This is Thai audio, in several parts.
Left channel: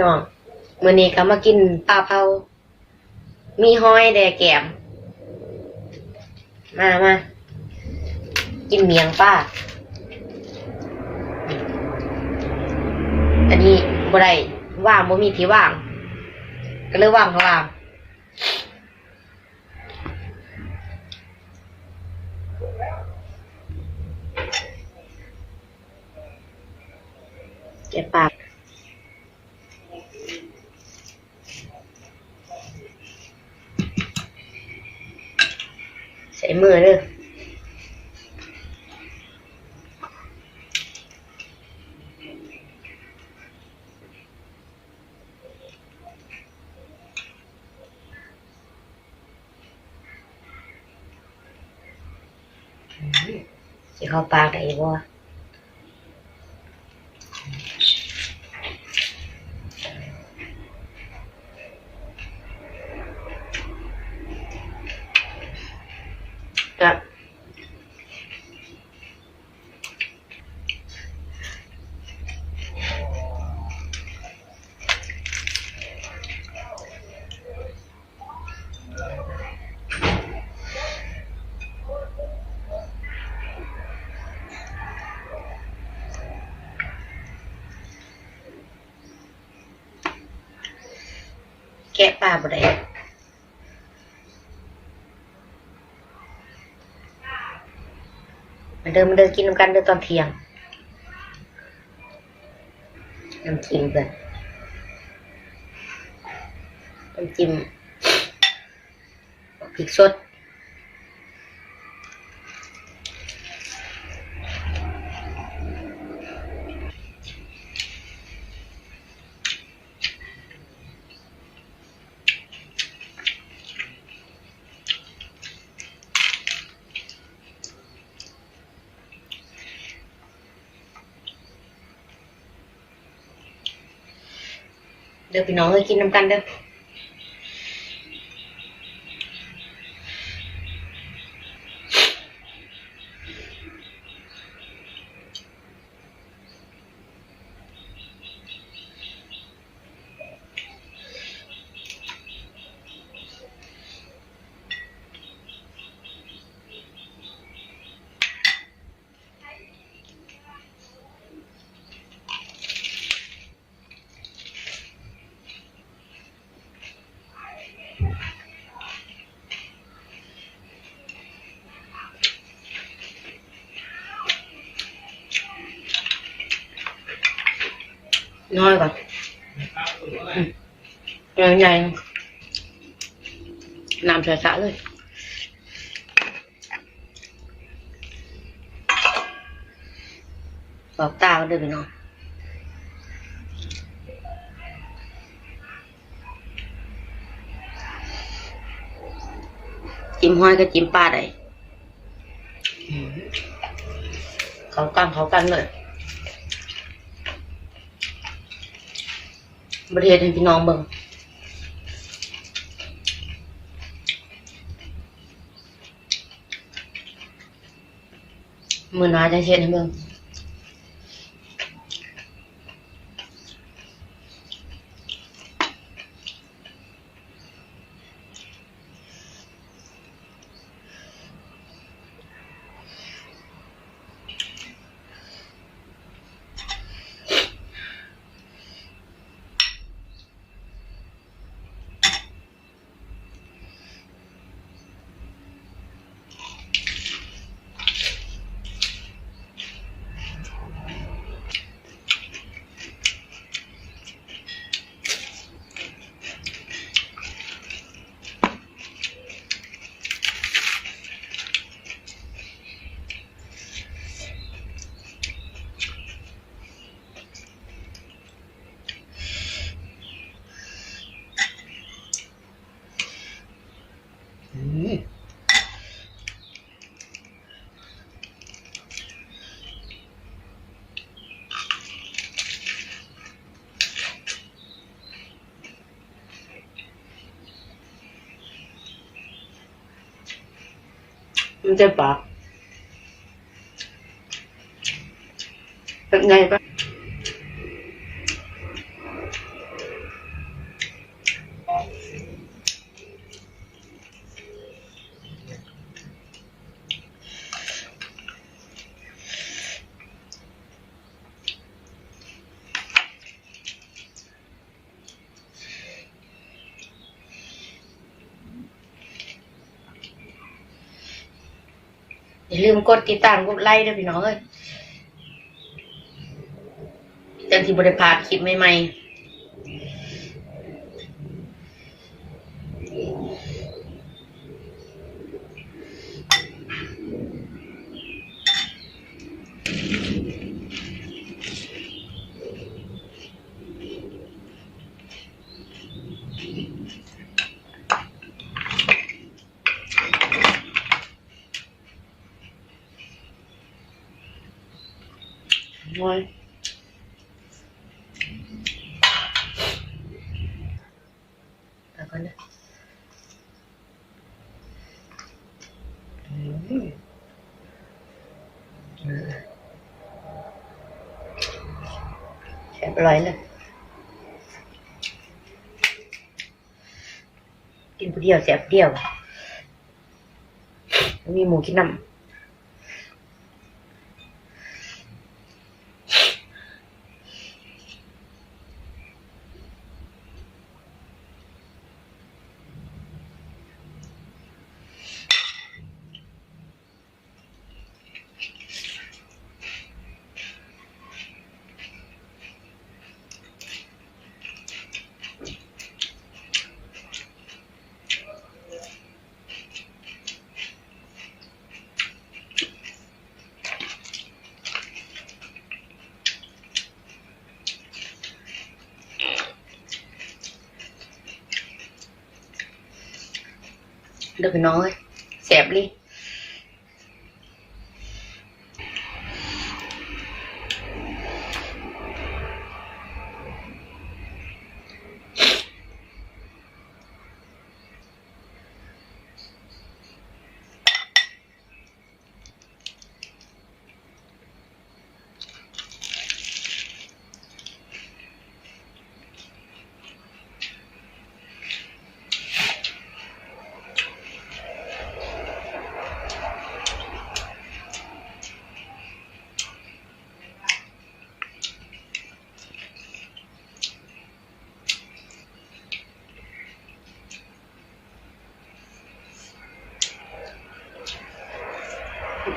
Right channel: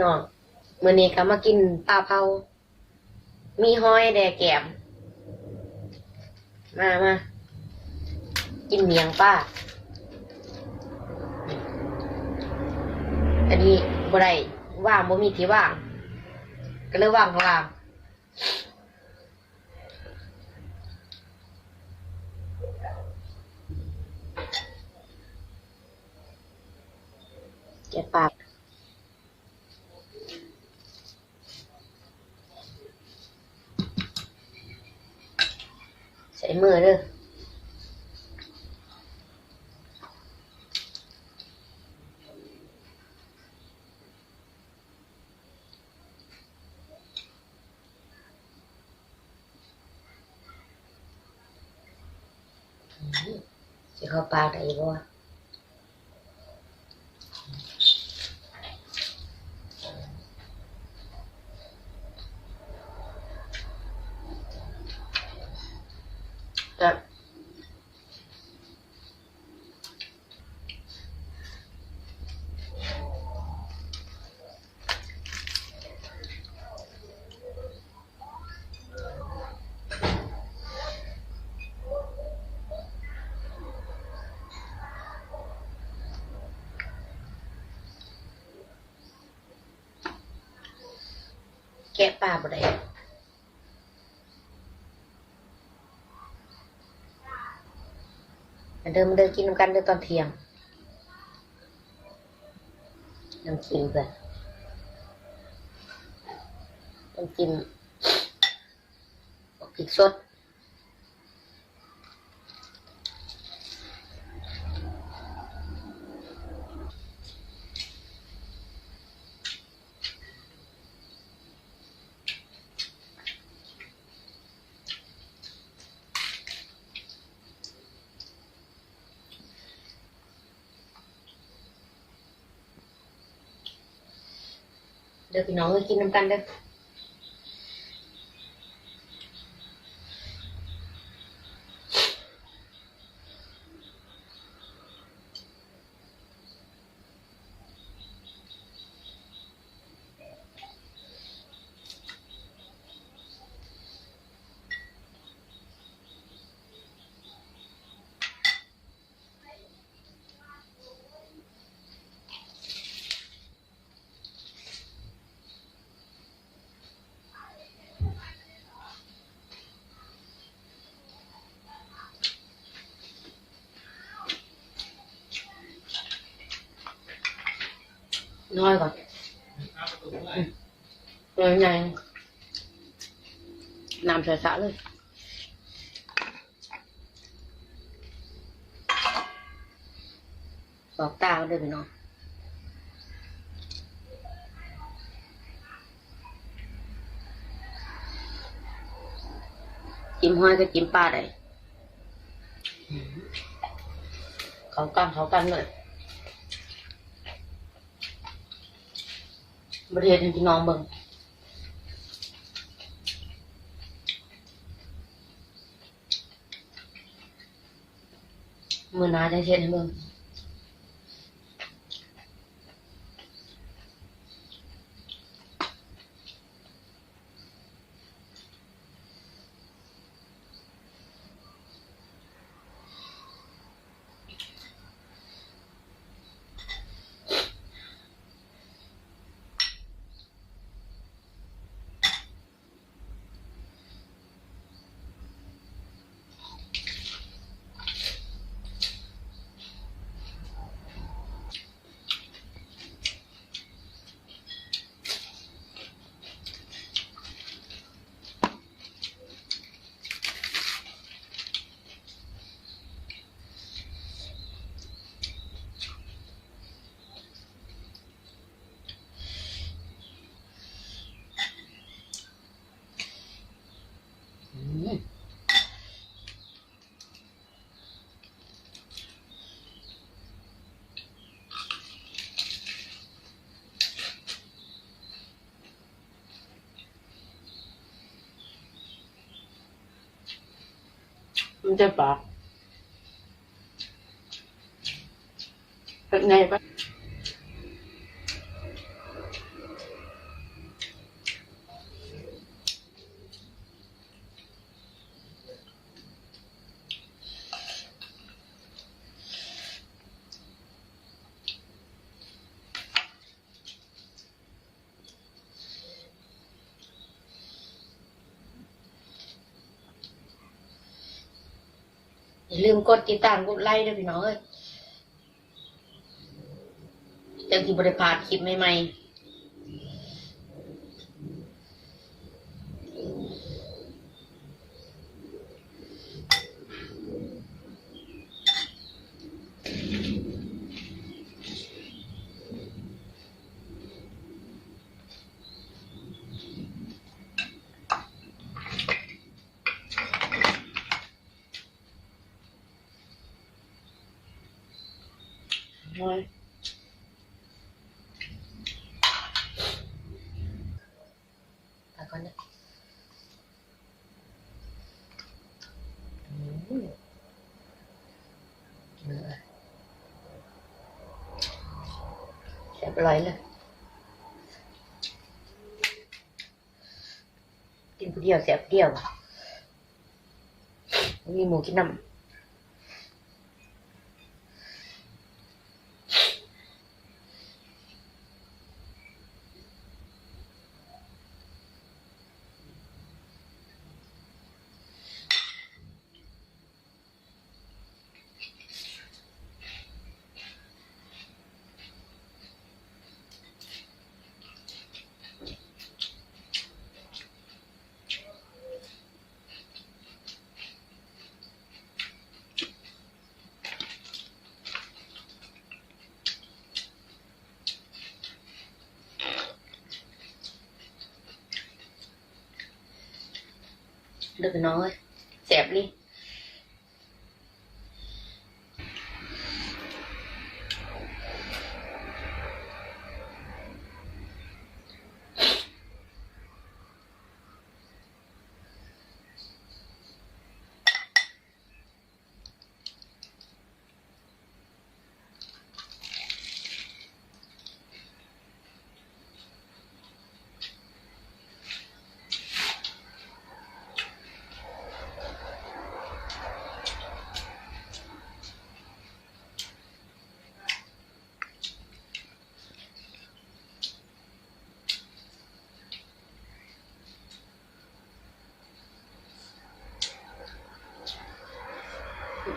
น้องมื้อนี้ก็มากินปลาเผามีหอยแดกแก้มมากินเมียงป้าอันนี้บ่ได้ว่างบ่มีที่ว่างก็เลยว่างข้างล่างแกะปากใส่มือเด้อสิเข้าปากได้บ่ครับแกะปลาบ่ได้มาเดินกินน้ำกันเด้อตอนเที่ยงน้ำจิ้มเพิ่นน้ำจิ้มพริกสดเด้อพี่น้องเอ้ยกินน้ำกันเด้อน้อยก่อนใหญ่น้ำใสๆเลยบอกตาเด้อพี่น้องจิ้มหอยก็จิ้มปลาได้เขากันเลยประเทศให้พี่น้องเบิ่งมื้อหน้าจังเฮ็ดให้เบิ่งมันจะปากเป็นไงปะ อย่าลืมกดติดตามกดไลค์ด้วยพี่น้องเอ้ยจังที่บริพลาดคลิปใหม่ๆน้อยแล้วก็นะแซ่บอร่อยเลยกินผู้เดียวแซ่บผู้เดียวมีหมูกินน้ำเด้อพี่น้องเอ้ยแซ่บลิ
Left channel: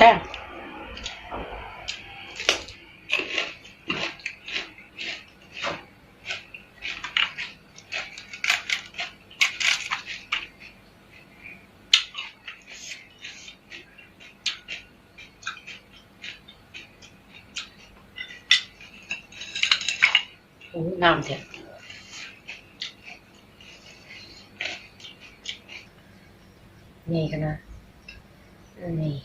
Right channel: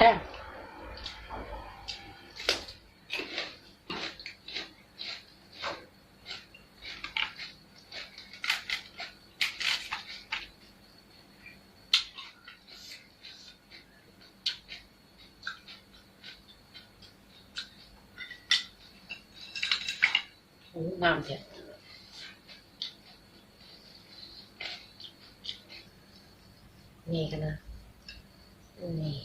แป้งโอ้น้ำเสียนี่กันนะนี่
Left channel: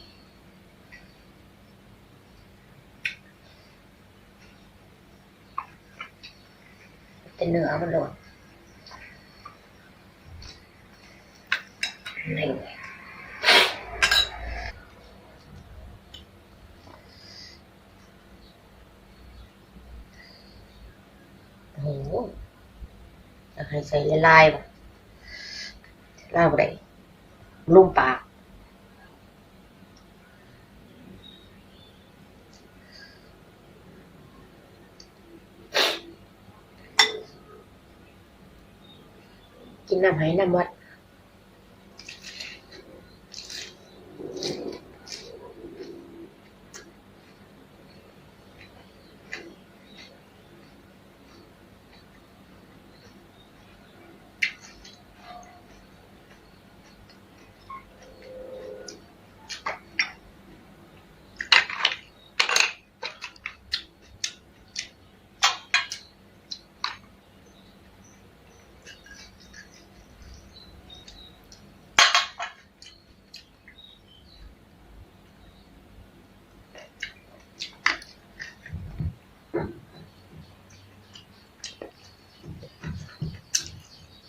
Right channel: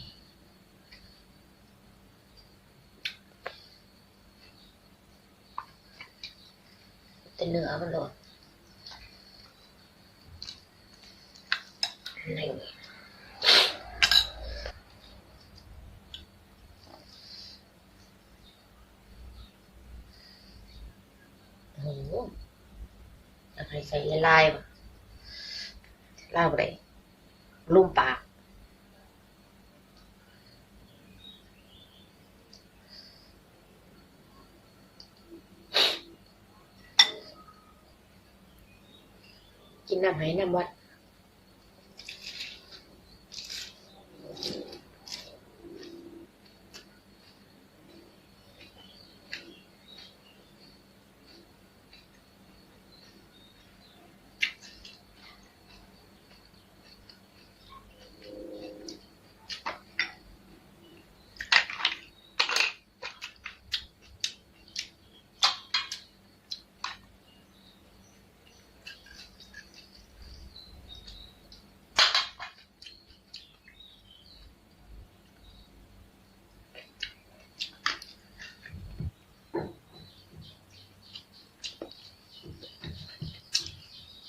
จะเนื้อมันโดดนี่โอ้โหอยากให้ใส่ลายๆป่ะลายบ่ได้ลุ่มปากกินน้ำไหน้ำวัด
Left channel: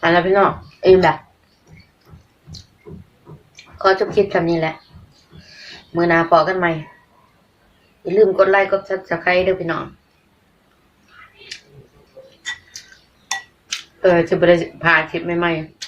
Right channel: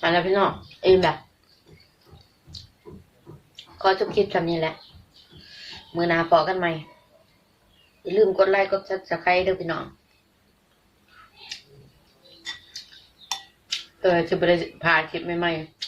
มาแล้วพี่น้องอิ่มละขอจบคลิปคำนี้แหละมื้อหน้าพอกันใหม่อย่าลืมกดไลค์กด Subscribe เด้อพี่น้องจะบ่ได้พาคลิปใหม่ๆ